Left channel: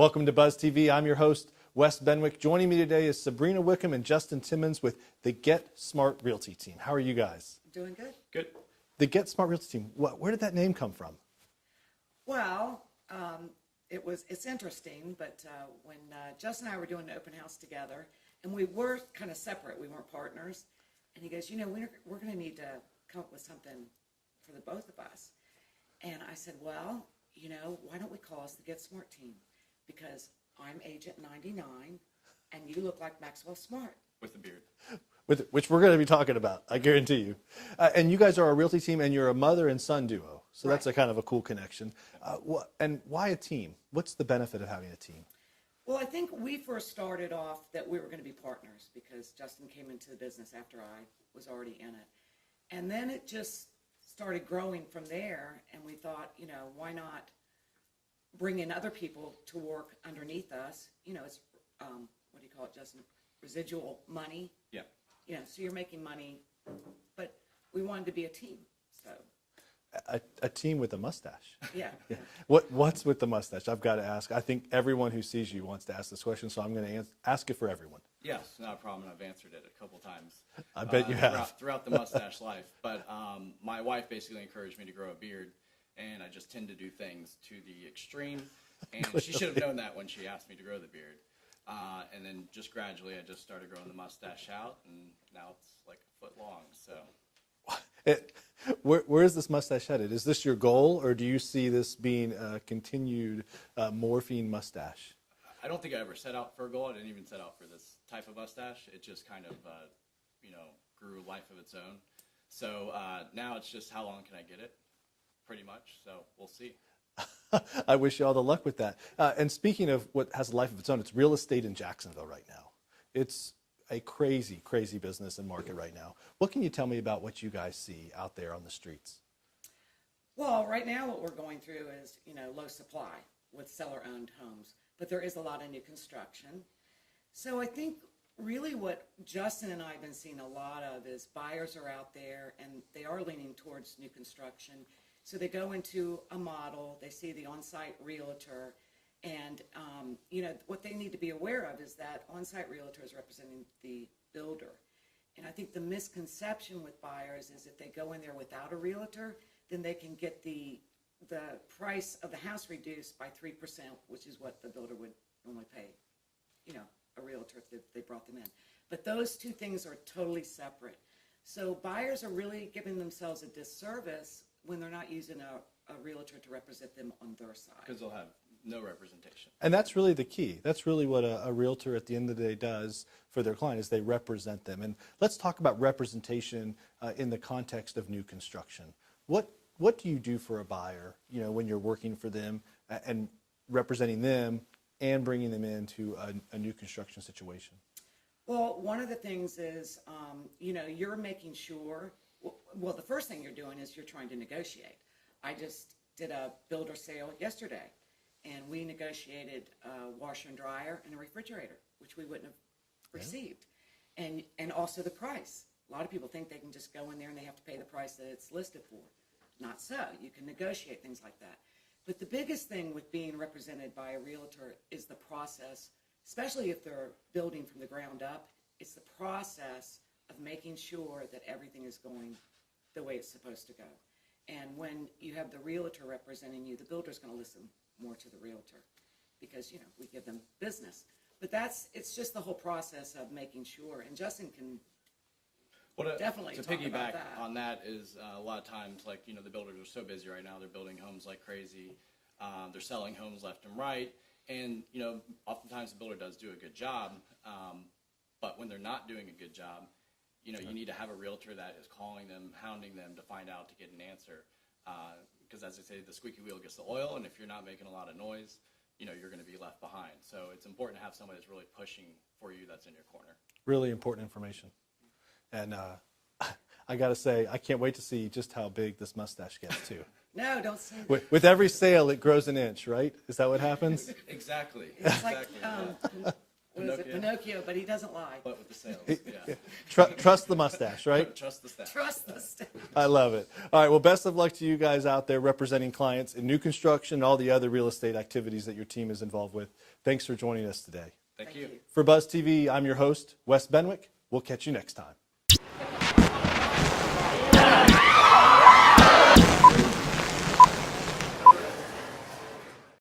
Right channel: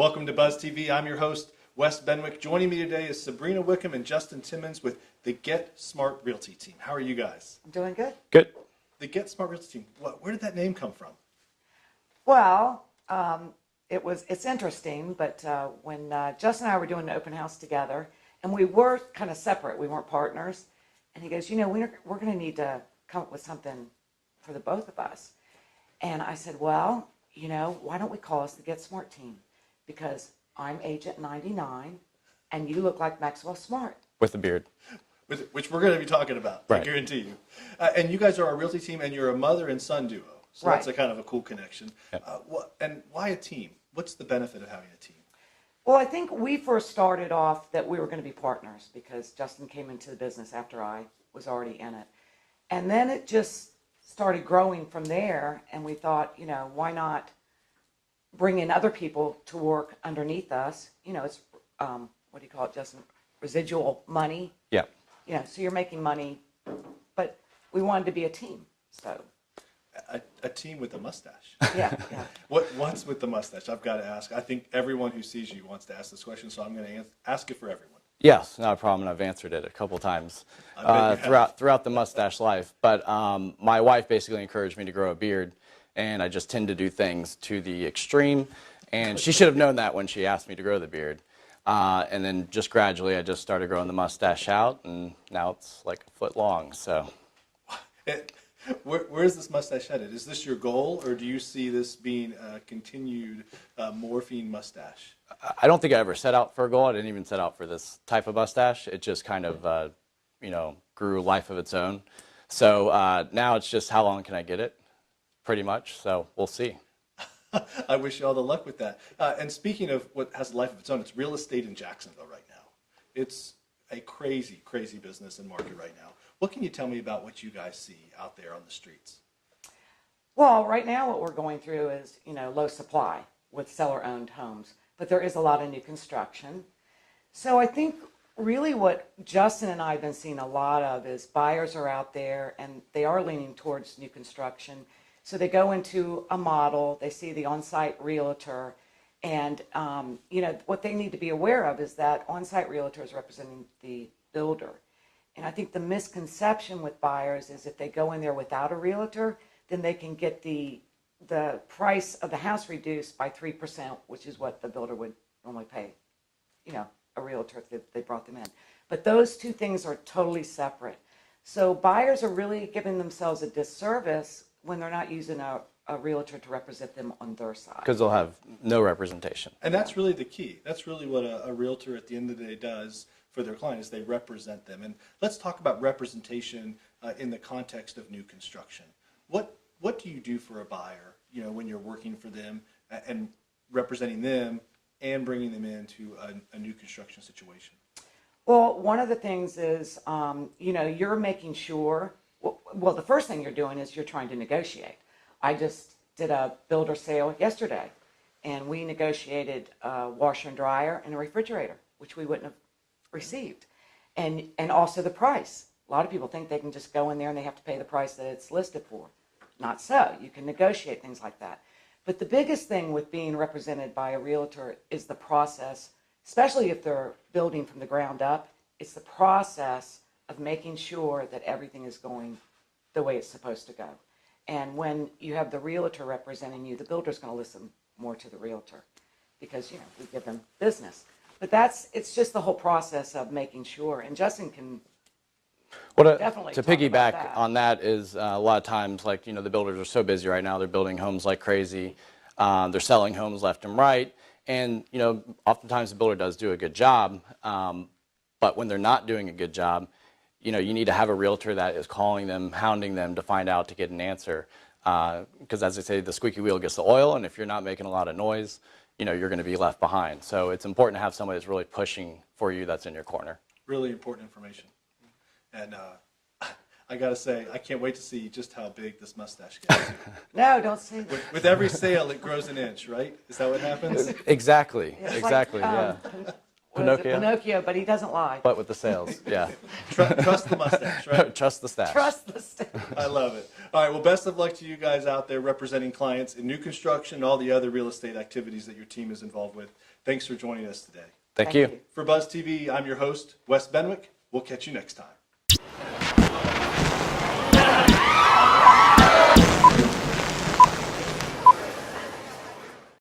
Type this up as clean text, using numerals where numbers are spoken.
Welcome to Buzz TV. I'm your host, Wes Benwick. Joining me today is Sabrina Wickham and Justin Timmons with the Get Smart Realty Team. How are you guys? I'm doing good. Good. The Get Smart Realty Team, where did that name come from? Well, it's interesting, but when Justin and I were doing an open house together, and we were kind of separate, we weren't partners, and he goes, we're going to need to come up with something for the both of us. And I said, well, why don't we call us the Get Smart Team? Because I'm Agent 99, and you look like Maxwell Smart. With a beard. Which we're going to be talking about, right. I guarantee you. And you guys are a realty team, and you're a mother and son duo. So right. That's a kind of a cool connection. Yep. And why a team? What's the benefit of having a team? Well, I think we first started off that we were going to be partners because Justin came into the business after I was already in it. And then it just started growing from there, and we thought, why not bring in other people to work underneath us? It's, what do you call it, Justin? Residual money. Yeah. So you're making money, but we wanted to be a team, so. A team with a mustache. Yeah. What's with the mustache? I've got to ask. I think everyone who sees you wants to ask this question, so I'm going to ask it for everyone. Yes, not a problem. I've answered it a couple times throughout the mustache life. But my wife basically encouraged me to grow a beard, and I just tend to do things to the extreme. And she should have known that when she asked me to grow the beard. And then just gradually, I just started growing the mustache out, and now it's like a foot long. So. Where is this mustache headed? Is this your goal, or do you see this being a continued morphine mustache? I don't think I ever set out for a goal. I didn't even set out for this type of mustache. It just kind of, grew a life of its own. So now it's just how long can I get it, pretty much. So we'll see. I wish you all the luck with that. And speaking of what has a life of its own, it's real estate in Jacksonville right now. It's a crazy, crazy business and market right now. What can you tell me about what you guys see out there on the streets? Well, right now what we're going through is, low supply with seller-owned homes, but there is a lot of new construction. So I think really what Justin and I have been seeing a lot of is buyers are out there and they are leaning towards new construction. So they go into a model, they see the on-site realtor, and what they need to be aware of is that on-site realtor is representing the builder. And I think the misconception with buyers is if they go in there without a realtor, then they can get the price of the house reduced by 3%, which is what the builder would normally pay, a realtor if they brought them in. But those two things are totally separate. So buyers are really giving themselves a disservice when they're not using a realtor to represent them on their side. Because they'll have no representation. And that's really the key. That's really what a realtor at the end of the day does for their client, is they represent them. And let's talk about representation in the context of new construction. What do you do for a buyer, when you're working for them and representing them and bringing them into a new construction situation? Well, one of the things is, you're making sure, well, the first thing you're doing is you're trying to negotiate. I just did a builder sale yesterday, and we negotiated a washer and dryer and a refrigerator, which we wouldn't have received. And also the price. A lot of people think they can just go in there and they have to pay the price that it's listed for. Not so. You can negotiate things like that. But the biggest thing with being represented by a realtor is the process, especially if they're building from the ground up. It's the process of making sure that everything is going the way it's supposed to go. And when you have the realtor representing you, the builder's going to listen more to the realtor because, we give them business. But it's just the whole process of making sure. And Justin can definitely to talk piggyback about that. on that is a lot of times, like, the builders are so busy right now. They're building homes like crazy. They're selling homes left and right. And, oftentimes the builder does do a good job. But when they're not doing a good job, you need to have a realtor that is calling them, hounding them to find out, to get an answer. Because as they say, the squeaky wheel gets the oil, and if you're not making a lot of noise, you're going to be left behind. So it's important to have somebody that's really pushing for you, that's in your corner. Really important information. And I got to say, I can't wait to see just how big this mustache gets to. No, don't say that. With every sale, it grows an inch, right? Is that what happens? Exactly. It's exactly. like, Yeah. Pinocchio, but he doesn't lie. But with the sales, yeah. Trust the mustache, right? Trust the stash. Trust the staff. I love it. All right, well, best of luck to you guys out there representing clients in new construction and all the other real estate activities that your team is involved with. Thanks for joining us today. Thank you. For Buzz TV, I'm your host, Wes Benwick. We'll catch you next time.